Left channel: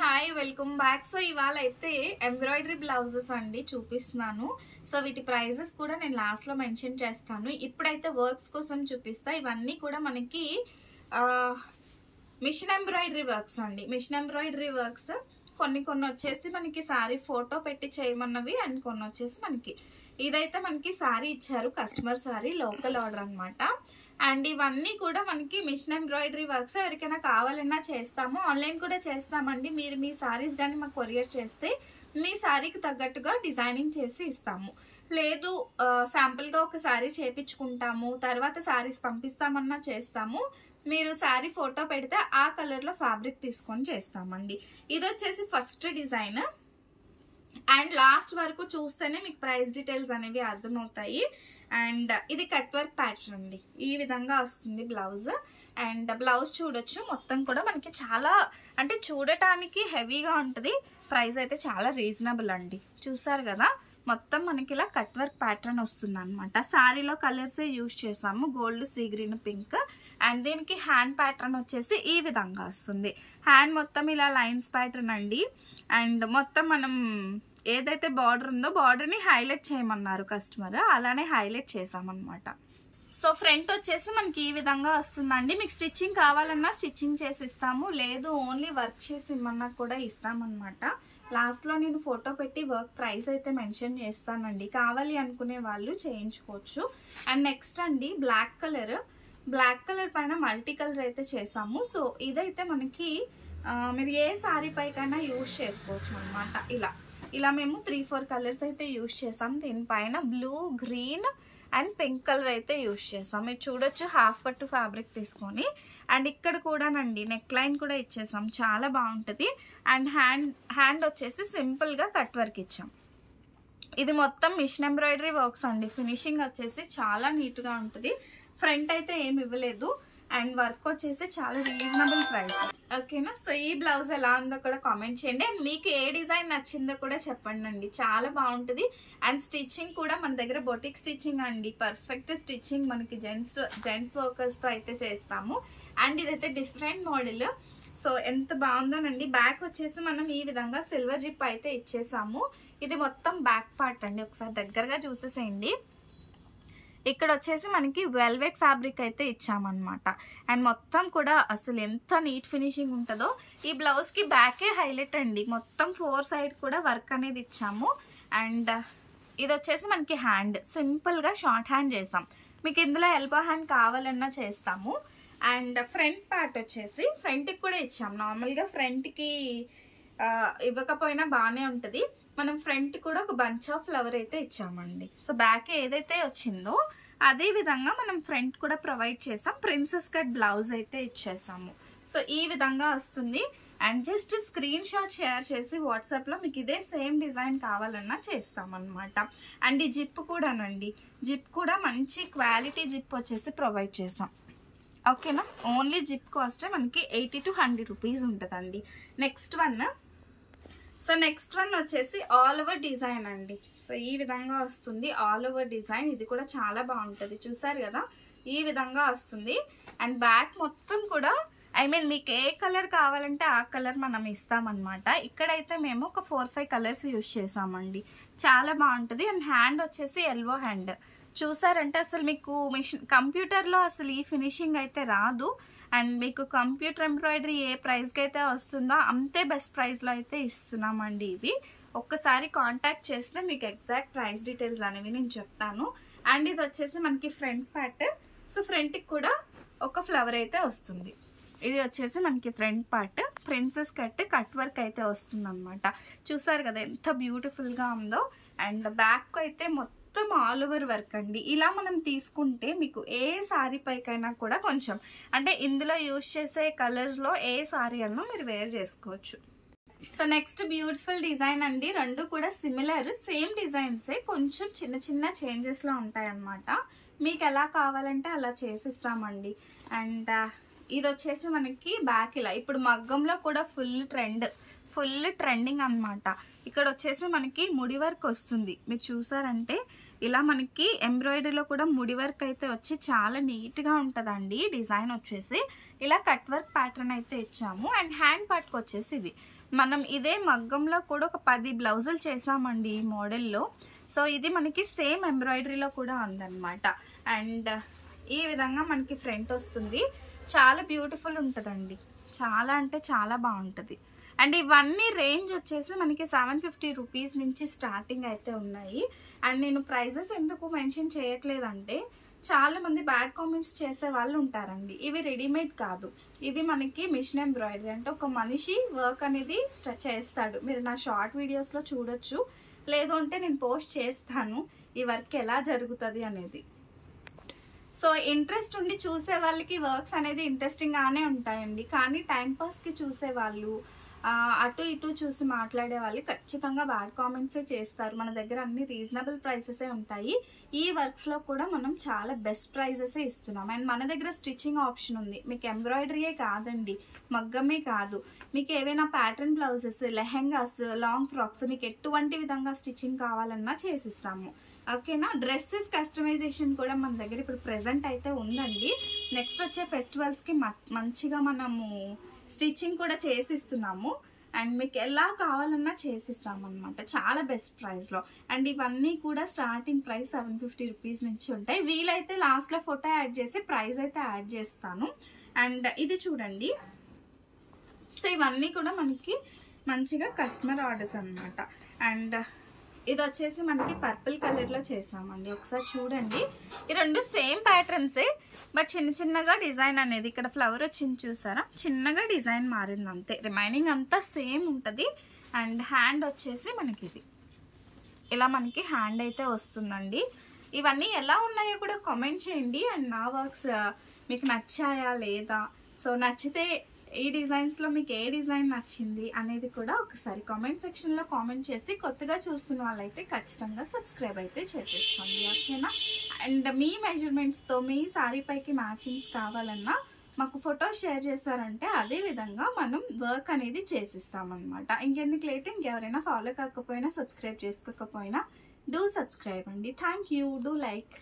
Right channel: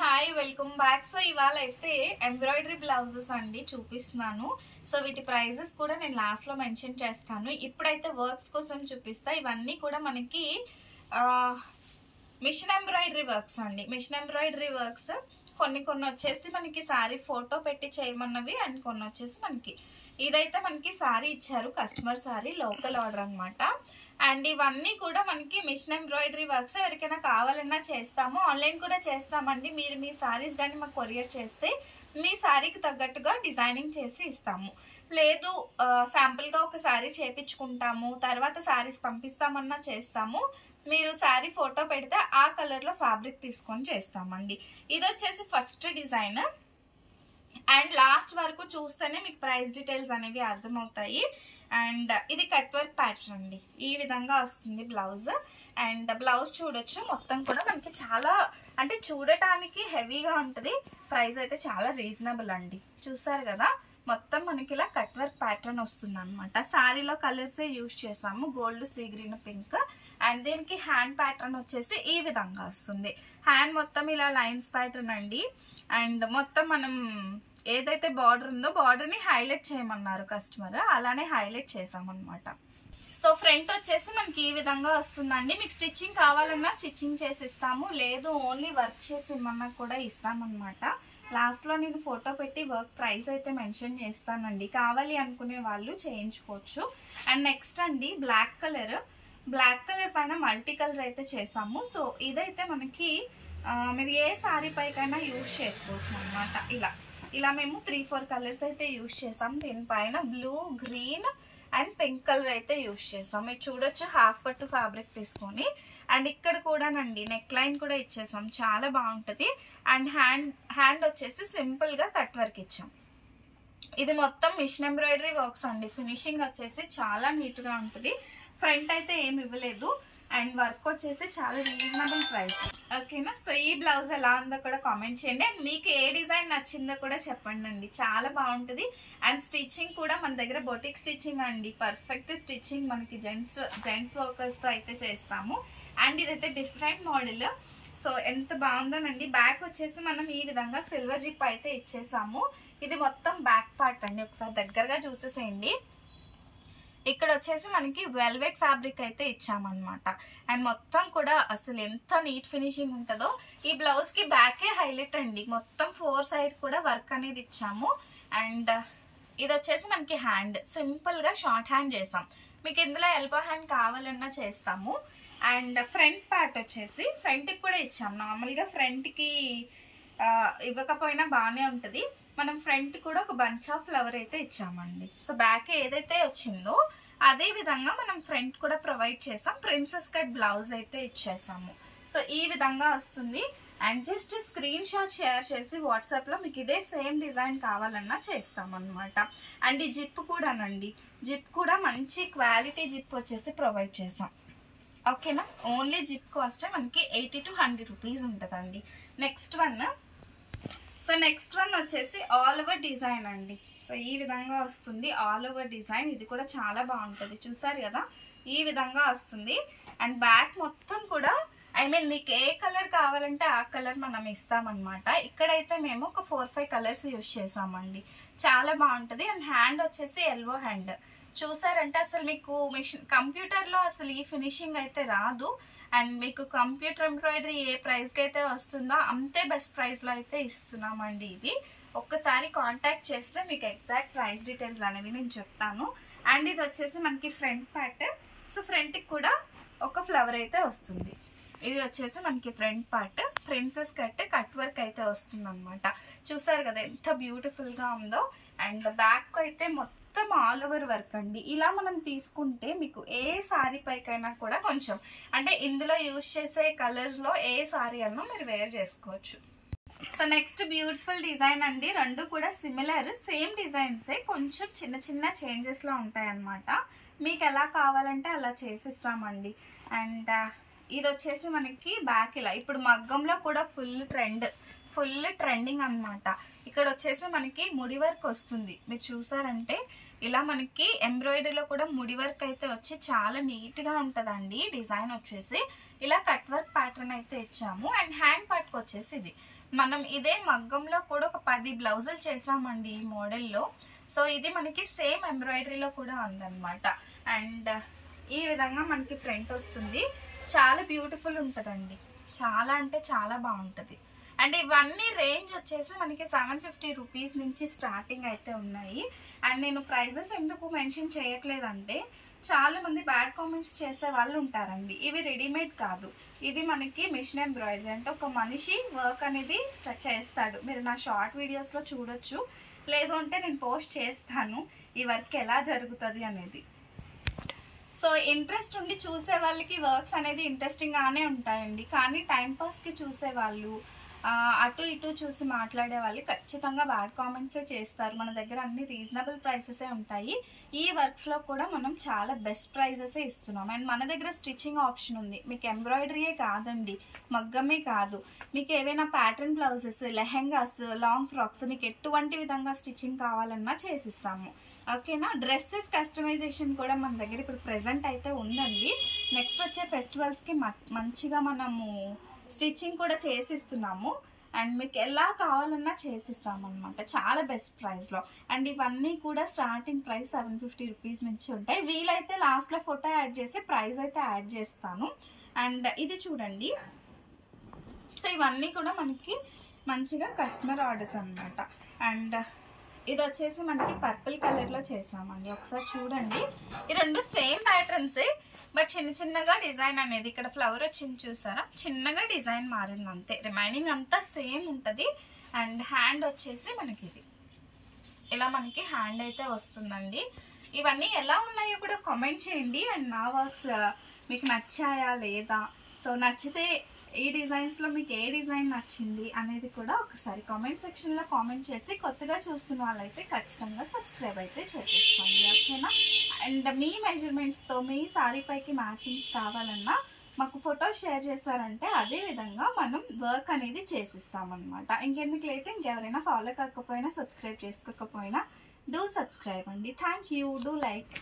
Hi welcome back. So ఇవాళ అయితే embroidery blouses అండి చూపిస్తున్నాను. సో వీటి ప్రైజెస్ కూడా నేను లాస్ట్ లో మెన్షన్ చేస్తాను. ఇప్పుడైతే వర్క్స్ కోసం చూపిస్తా. ఇవన్నీ కూడా మనకి మిషన్ ఎంబ్రాయిడరీ వర్క్స్ అండి. మిషన్ ఎంబ్రాయిడరీ వర్క్స్ కొన్ని వచ్చేసి మనకి శారీ ఫోటో పెట్టి చేయమన్నవి, అండ్ కొన్ని వచ్చేసి మనకి ఇదైతే మనకి శారీ ఇచ్చారు, కస్టమర్ శారీ, లోకల్ ఆర్డర్ అనమాట. అండ్ ఇవన్నీ కూడా మనకి మిషన్ ఎంబ్రాయిడరీ వర్క్స్. ఎవరికైనా కావాలన్నా చేస్తాము, ఆన్లైన్ కూడా చేస్తామండి. మీరు మీ శారీస్ కానీ మాకు కొరియర్ చేస్తే మీ శారీకి తగ్గట్టుగా డిజైనింగ్ చేసి ఇస్తాము. లేదు శాంపుల్ గా ఒక శారీ చేపించుకుంటాము, తర్వాత శారీస్ పంపిస్తామన్నా చేస్తాము. మీరు శారీ ఫోటో పెడితే ఆ కలర్ లో ఫ్యాబ్రిక్ తీసుకొని చేస్తామండి. ఇది వచ్చేసి ఫస్ట్ డిజైన్, అండ్ లాస్ట్ వరకు చూస్తేనే మీకు ప్రైస్ డీటెయిల్స్ అనేవి అర్థమవుతాయి. అండ్ ఇది కట్ వర్క్ ప్యాటర్న్ అండి. ఈ విధంగా వస్తుంది బ్లౌజ్. అండ్ బ్లౌజ్ చూడొచ్చు, మొత్తం కూడా మనకి చాలా అంటే చూడటానికి హెవీగా ఉంటుంది. ప్రైస్ అయితే చాలా రీజనబుల్ అండి. చూసారు కదా, మొత్తం మనకి ఇలా కట్ వర్క్ ప్యాటర్న్ వస్తుంది అనమాట. శారీలో కలర్స్ యూజ్ చేసాము, gold, sea green, pink. And దీనికి హ్యాండ్ ప్యాటర్న్ వచ్చేసి ఈ విధంగా వస్తుంది. హ్యాండ్ మొత్తం ఇలా లైన్స్ ప్యాటర్న్ అండి. అండ్ మొత్తం మనం ఏదైతే బార్డర్ ఉందో బార్డర్ ని హైలైట్ చేయమన్నారు కస్టమర్, అలానే హైలైట్ చేసామన్నమాట. సో ఫ్రంట్ వచ్చేసి మనకి ఈ విధంగా వస్తుందండి. మీకు స్టిచ్చింగ్ కావాలన్నా స్టిచ్చింగ్ చేసి ఇస్తాము, లేదు ఓన్లీ వర్క్ చేసి ఇమ్మన్నా కూడా ఇస్తామన్నమాట. లాస్ట్ లో నేను ఫోటో పెట్టి వర్క్ ప్రైస్ అయితే మెన్షన్ చేస్తానండి, కావాలి అనుకునే వాళ్ళు చేయించుకోవచ్చు. అండ్ నెక్స్ట్ అండి బ్లాక్ కలర్ పైన మల్టీ కలర్ అయితే చేసాము. సో ఇదైతే మనకి మీరు ఏ శారీ పైకైనా యూజ్ చేసుకోవచ్చు అనమాట. ఇలా మేము 3-4 కలర్స్ అయితే యూజ్ చేసాం. దీనిపైన blue, green and pink colour అయితే యూజ్ చేసాం. మీరు చూడొచ్చు, హాఫ్ పట్టు ఫ్యాబ్రిక్ తీసుకొని. అండ్ ఇక్కడ కూడానండి నెక్ లైన్ కూడా ఇచ్చేసాం, చాలా బాగుంటుంది. అండ్ హ్యాండ్ వచ్చేసి సింపుల్ గా కట్ వర్క్ ఇచ్చాం. ఇది మొత్తం మిషన్ ఎంబ్రాయిడరీ వర్క్స్ అండి. ఫినిషింగ్ వచ్చేసి చాలా నీట్ గా ఉంటుంది. ఫ్రంట్ అయితే ఏమి ఇవ్వలేదు, అండ్ వర్క్ వచ్చేసి చాలా రీజనబుల్ ప్రైస్. ఓకేనా? సో ఈ బ్లౌజ్ ఎలా ఉందో కూడా కామెంట్ చేయండి. అండ్ మీకు ఏ డిజైన్ నచ్చిందో కూడా చెప్పండి అండి, చాలా బాగుంటుంది. అండ్ స్టిచ్చింగ్ కూడా మన దగ్గర బొటిక్ స్టిచ్చింగ్ అండి, పర్ఫెక్ట్ స్టిచ్చింగ్ మనకి జెంట్స్ వర్కర్స్ తో అయితే చేస్తాము. అండ్ ఇదైతే డిఫరెంట్ మోడల్. సో ఎంత బాగుందోనండి. బ్యాక్ వచ్చేసి మనం ఈ విధంగా సిల్వర్ జిప్ అయితే ఇచ్చేసాము. ఇది మొత్తం బ్యాక్ పార్ట్ అండి, ఒకసారి దగ్గరగా చూసేసేయండి. ఇక్కడ వచ్చేసి మనకి వెల్వెట్ ఫ్యాబ్రిక్ అయితే ఇచ్చామన్నమాట. అండ్ మొత్తం కూడా అసలు ఎంత నీట్ ఫినిషింగ్ ఉంటుందో. ఈ బ్లౌజ్ కి బ్యాకే హైలైట్ అండి, మొత్తం 4 సైడ్ కూడా వర్క్ అనేది ఇచ్చాము. అండ్ ఇది వచ్చేసి మనకి హ్యాండ్ సింపుల్ గా షార్ట్ హ్యాండ్ చేసాం. మీకు ఇందులో ఎల్బో హ్యాండ్ కావాలన్నా చేస్తాము. అండ్ ఫ్రంట్ పార్ట్ వచ్చేసి ఫ్రంట్ కి కూడా ఇచ్చాము. నార్మల్ గా ఫ్రంట్ కి ఇవ్వకపోయినా బాగానే ఉంటది. మనం ఫ్రంట్ కూడా ఒక బంచ్ ఆఫ్ ఫ్లవర్ అయితే ఇచ్చామండి. సో బ్యాక్ ఏదైతే వచ్చిందో అదే విధంగా మనం ఫ్రంట్ కూడా ప్రొవైడ్ చేసాం. ప్రిన్సెస్ కట్ బ్లౌజ్ అయితే ఇచ్చేసాము. సో ఈ విధంగా వస్తుంది. And just screen shot share చేసి వాట్సాప్ లో మీకు ఇదే సేమ్ డిజైన్ కావాలన్నా చేస్తామన్నమాట. అండ్ ఈ జిప్ కూడానండి, జిప్ కూడా మంచి క్వాలిటీ జిప్ వచ్చేసి ప్రొవైడ్ చేసాం. ఓకేనా? ఓన్లీ జిప్ కాస్ట్ మనకి 80 to 100 రూపీస్ ఉంటుందండి. నెక్స్ట్ వన్ వచ్చేసి ఆల్ ఓవర్ డిజైన్ అండి. సో ఈ విధంగా వస్తుంది ఆల్ ఓవర్ డిజైన్. ఇది కూడా చాలా బాగుంటుంది. చూసారు కదా, ఈ విధంగా వస్తుంది. అండ్ బ్యాక్ మొత్తం కూడా మీకు ఏ కలర్ కావాలంటే ఆ కలర్ మనం ఇస్తామన్నమాట. ఇక్కడైతే మేము ఒక 4-5 కలర్స్ యూజ్ చేసామండి, చాలా బాగుంటుంది. అండ్ హ్యాండ్ వచ్చేసి ఎల్బో హ్యాండ్. చూసారంటే అసలు మీకు కంప్యూటర్లో అసలు ఈ ఫినిషింగ్ అయితే రాదు. అండ్ మీకు కంప్యూటర్ ఎంబ్రాయిడరీ ఏ ప్రైస్కి అయితే వస్తుందో అంతే బెస్ట్ ప్రైస్లో అయితే ఇస్తున్నామండి. ఇవి ఒక్కసారి కాంటాక్ట్ చేస్తే మీకు ఎగ్జాక్ట్ ప్రైస్ డీటెయిల్స్ అనేవి నేను చెప్తాను. అండ్ ఇది వచ్చేసి మనకి ఫ్రంట్ పార్ట్. సో ఫ్రంట్కి కూడా ఒక ఫ్లవర్ అయితే వస్తుంది. ఇది వచ్చేసి మనకి front part, princess cut work అయితే వస్తుంది అనమాట. చూసారు కదా ఎంత బ్యూటిఫుల్ గా ఉందో. అండ్ బ్యాక్ అయితే మొత్తం ఆల్ ఓవర్ వర్క్ అండి. ఇలా మనం తీసుకుంటే మీకు ఏ సారీ పైకైనా కూడా కొంచెం అంటే ఇందులో యూజ్ చేసే కలర్స్ లో ఏ సారీ అన్నా మీరు వేర్ చేసుకోవచ్చు. సో నెక్స్ట్ బ్యూటిఫుల్ డిజైన్ అండి. రెండు కూడా సిమిలర్ సేమ్ డిజైన్సే, కొంచెం చిన్న చేంజెస్ లో ఉంటాయి అన్నమాట. మీకు ఎలా కావాలంటే అలా చేసిస్తామండి. అండ్ ఇది వచ్చేసి మనకి బ్యాక్ ఇలా ఇప్పుడు మగ్గంలో కూడా ఫుల్ ట్రెండింగ్ అన్నమాట. ఇక్కడ వచ్చేసి మనకి ముడి వర్క్ వస్తుంది. మీరు చూసారంటే ఇలా మనకి ఎంబ్రాయిడరీలో కూడా ముడి వర్క్ అయితే వచ్చి చాలా నీట్ గా ఉంటదండి. డిజైన్ వచ్చేసి ఇలా కట్ వర్క్ ప్యాటర్న్ అయితే ఇచ్చాము. అండ్ హ్యాండ్ పార్ట్ వచ్చేసి ఇది మనం ఇదే మగ్గంలో కూడా ఒక 10 బ్లౌజులు చేసామండి ఈ మోడల్లో. సో ఇది మనకి సేమ్ ఎంబ్రాయిడరీలో కూడా ఉందన్నమాట. అండ్ ఈ విధంగా మనకి ఫ్రంట్ వస్తుంది. చాలా బ్యూటిఫుల్ ఉంటుందండి, చాలా అంటే చాలా బాగుంటుంది. అండ్ ఇవన్నీ రేంజ్ వచ్చేసి మనకి 750 రూపీస్ నుంచి స్టార్టింగ్ అయితే ఉన్నాయి. అండ్ నేను ప్రైజెస్ ఎందుకు మెన్షన్ చేయట్లేదంటే చాలా మంది బ్యాడ్ కామెంట్స్ చేసే వాళ్ళు ఉంటారండి. ఇవి రెడీమేడ్ కాదు, ఇవి మనకి మిషన్ ఎంబ్రాయిడరీ, అంటే ఒక మనిషి వర్క్ అనేది చేస్తాడు. మీరు నా షార్ట్ వీడియోస్లో చూడొచ్చు, లేదు అంటే నేను పోస్ట్ చేస్తాను ఈ వర్క్ ఎలా జరుగుతుంది అనేది. సో ఇంట్రెస్ట్ ఉండి చూసే వాళ్ళకి వర్క్స్ అనేది ఇంట్రెస్టింగ్గానే ఉంటాయండి. కానీ టైంపాస్కి చూసే వాళ్ళు, అటు ఇటు చూసి మాట్లాడే వాళ్ళు ఖచ్చితంగా బ్యాడ్ కామెంట్సే చేస్తారు. మన దగ్గర అన్ని రీజనబుల్ ప్రైసెసే ఉంటాయి. ఈ వర్క్స్లో కూడా మనం చాలా బెస్ట్ ప్రైజెసే ఇస్తున్నాం. అండ్ మన దగ్గర స్టిచ్చింగ్ ఆప్షన్ ఉంది. మీకు ఎంబ్రాయిడరీయే కాదండి, మగ్గమే కాదు, మీకు ఏవైనా pattern blouses, lehengas, long frocks, మీకు ఎటువంటి విధంగా స్టిచ్చింగ్ కావాలన్నా చేసిస్తాము. ఓకేనా. డ్రెస్సెస్ కస్టమైజేషన్ కూడా మన దగ్గర ఇప్పుడు ప్రెజెంట్ అయితే ఉందండి. నెక్స్ట్ వచ్చే ఫెస్టివల్స్కి మంచిగా మనము స్టిచ్చింగ్ కూడా చేసిస్తున్నాము. అండ్ మీకు ఎలా కావాలన్నా చేసిస్తాము అనమాట, చాలా బెస్ట్ ప్రైస్లో. అండ్ ఇవన్నీ కూడా స్టార్టింగ్ ప్రైస్ 750 రూపీస్ నుంచి ఉంటాయి. వీలైతే లాస్ట్లో ఫోటో యాడ్ చేసి ప్రైస్ అయితే యాడ్ చేస్తాను. అండ్ ఇది చూడండి. సో ఇవన్నీ కూడా మనకి మంచిగా కస్టమర్ ఆర్డర్స్ అనమాట. అండ్ ఇది వచ్చేసి మనకి పర్పుల్ కలర్లో చేసామండి. ఒకసారి చూడండి, ఈ రెండు సేమ్ ప్యాటర్న్సే, బట్ చిన్న చిన్నగా డిజైన్ అనేది ఇక్కడ ఫ్లవర్ వచ్చింది చూసారా, చిన్నగా డిజైన్ మారింది అంతే, రిమైనింగ్ అంతా సేమ్ ఉంటుంది. అండ్ హ్యాండ్ వచ్చేసి మనకి ఇది ఇలా మనకి హ్యాండ్ అయితే వస్తుందండి. ఇవన్నీ ఎలా ఉన్నాయో కూడా కామెంట్ చేయండి. అండ్ నా వర్క్స్ మీకు నచ్చాయా లేదా, సో నచ్చితే ఈ డిజైన్స్లో మీకు ఏ డిజైన్ నచ్చింది అనేది కూడా ఒకసారి కామెంట్ సెక్షన్లో కామెంట్ చేసి, కొత్తగా చూస్తున్న వాళ్ళైతే ఖచ్చితంగా సబ్స్క్రైబ్ అయితే చేసేసుకోండి. ఓకేనా. అండ్ మీ మెజర్మెంట్స్తో మీ శారీ పైకి మ్యాచింగ్స్ కావాలన్నా మాకు ఫోటో షేర్ చేశారంటే అదే విధంగా మనం వర్క్ అనేది చేసిస్తామన్నమాట. ఇంకెందుకు లేట్, ఇంకెవరైనా ఫాలో కాకపోయినా సబ్స్క్రైబ్ చేసుకోకపోయినా డూ సబ్స్క్రైబ్ అండి. Thank you. Do like.